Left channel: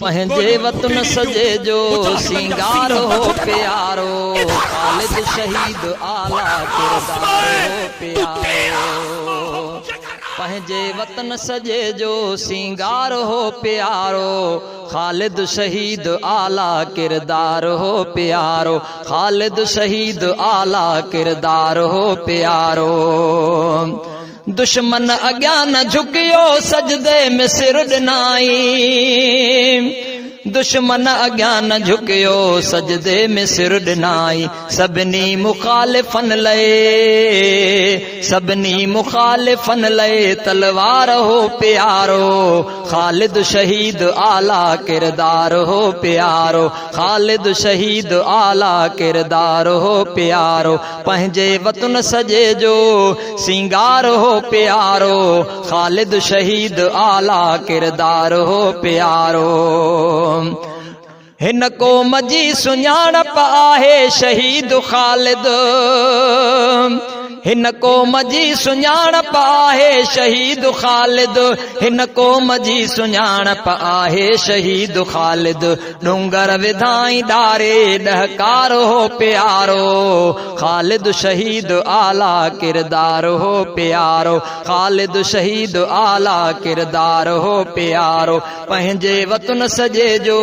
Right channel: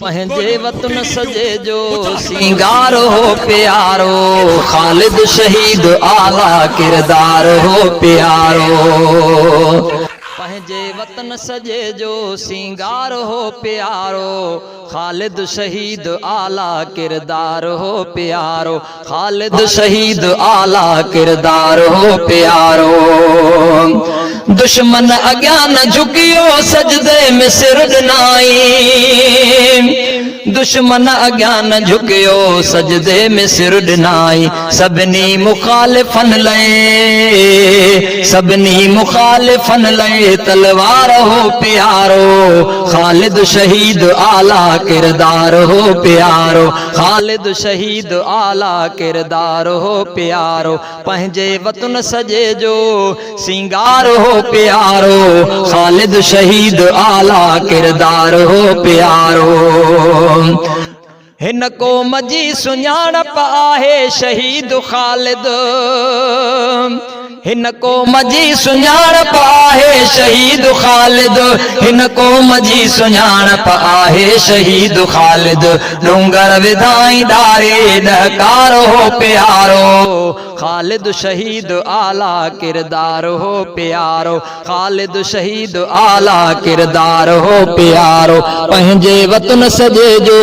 पंहिंजे वतन सजे जो सिंगार हो प्यारो, खालिद शहीद आला किरदार हो प्यारो। पंहिंजे वतन सजे जो सिंगार हो प्यारो, खालिद शहीद आला किरदार हो प्यारो, खालिद शहीद आला किरदार हो प्यारो। दुश्मन अग्यां न झुकियो सजदे में सिर ॾिनाई, दुश्मन अग्यां न झुकियो सजदे में सिर ॾिनाई। सभिनी मुखालिफन लए, सभिनी मुखालिफन लए तलवार हो प्यारो, खालिद शहीद आला किरदार हो प्यारो, खालिद शहीद आला किरदार हो प्यारो। पंहिंजे वतन सजे जो सिंगार हो प्यारो, खालिद शहीद आला किरदार हो प्यारो। हिन क़ौम जी सुञाणप आहे शहीद खालिद, हिन क़ौम जी सुञाणप आहे शहीद खालिद, हिन क़ौम जी सुञाणप आहे शहीद खालिद। डूंगर विधाई डारे ॾहकार हो प्यारो, खालिद शहीद आला किरदार हो प्यारो, खालिद शहीद आला किरदार हो प्यारो। पंहिंजे वतन सजे जो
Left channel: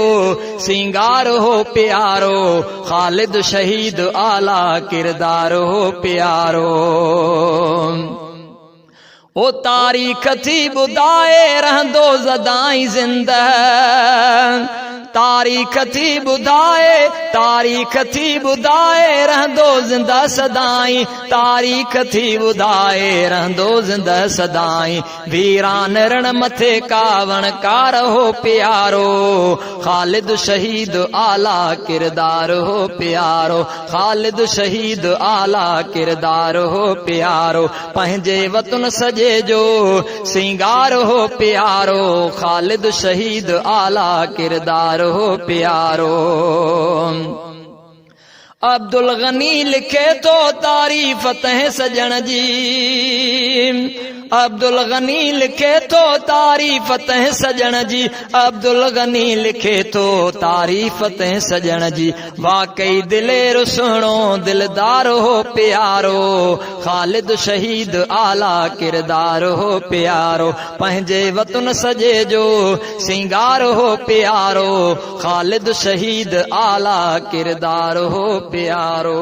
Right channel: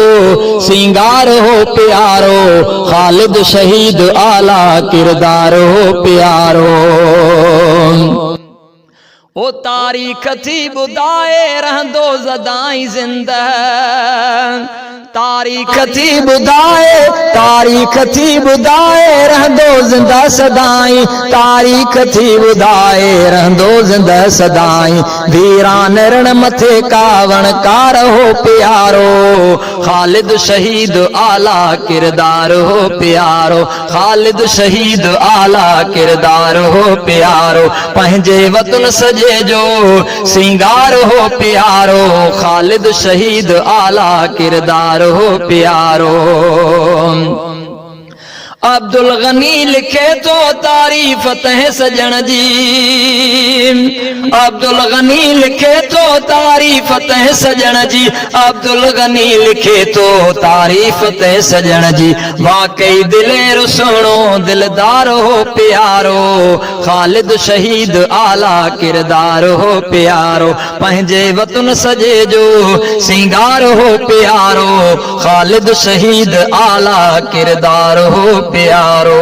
सिंगार हो प्यारो, खालिद शहीद आला किरदार हो प्यारो। ओ तारीख़ थी ॿुधाए रहंदो ज़दाई ज़िंदा, तारीख़ थी ॿुधाए, तारीख़ थी ॿुधाए रहंदो ज़िंदा सदाई, तारीख़ थी ॿुधाए रहंदो ज़िंदा सदाई। वीरान रण मथे कावण कार हो प्यारो, खालिद शहीद आला किरदार हो प्यारो, खालिद शहीद आला किरदार हो प्यारो। पंहिंजे वतन सजे जो सिंगार हो प्यारो, खालिद शहीद आला किरदार हो प्यारो। अब्दुल गनी लिखे तो तारीफ तह सजण जी, अब्दुल गनी लिखे तो तारीफ तह सजण जी, अब्दुल गनी लिखे तो तारीफ तह सजण जी। वाकई दिलेर सुहिणो दिलदार हो प्यारो, खालिद शहीद आला किरदार हो प्यारो। पंहिंजे वतन सजे जो सिंगार हो प्यारो, खालिद शहीद आला किरदार हो प्यारो।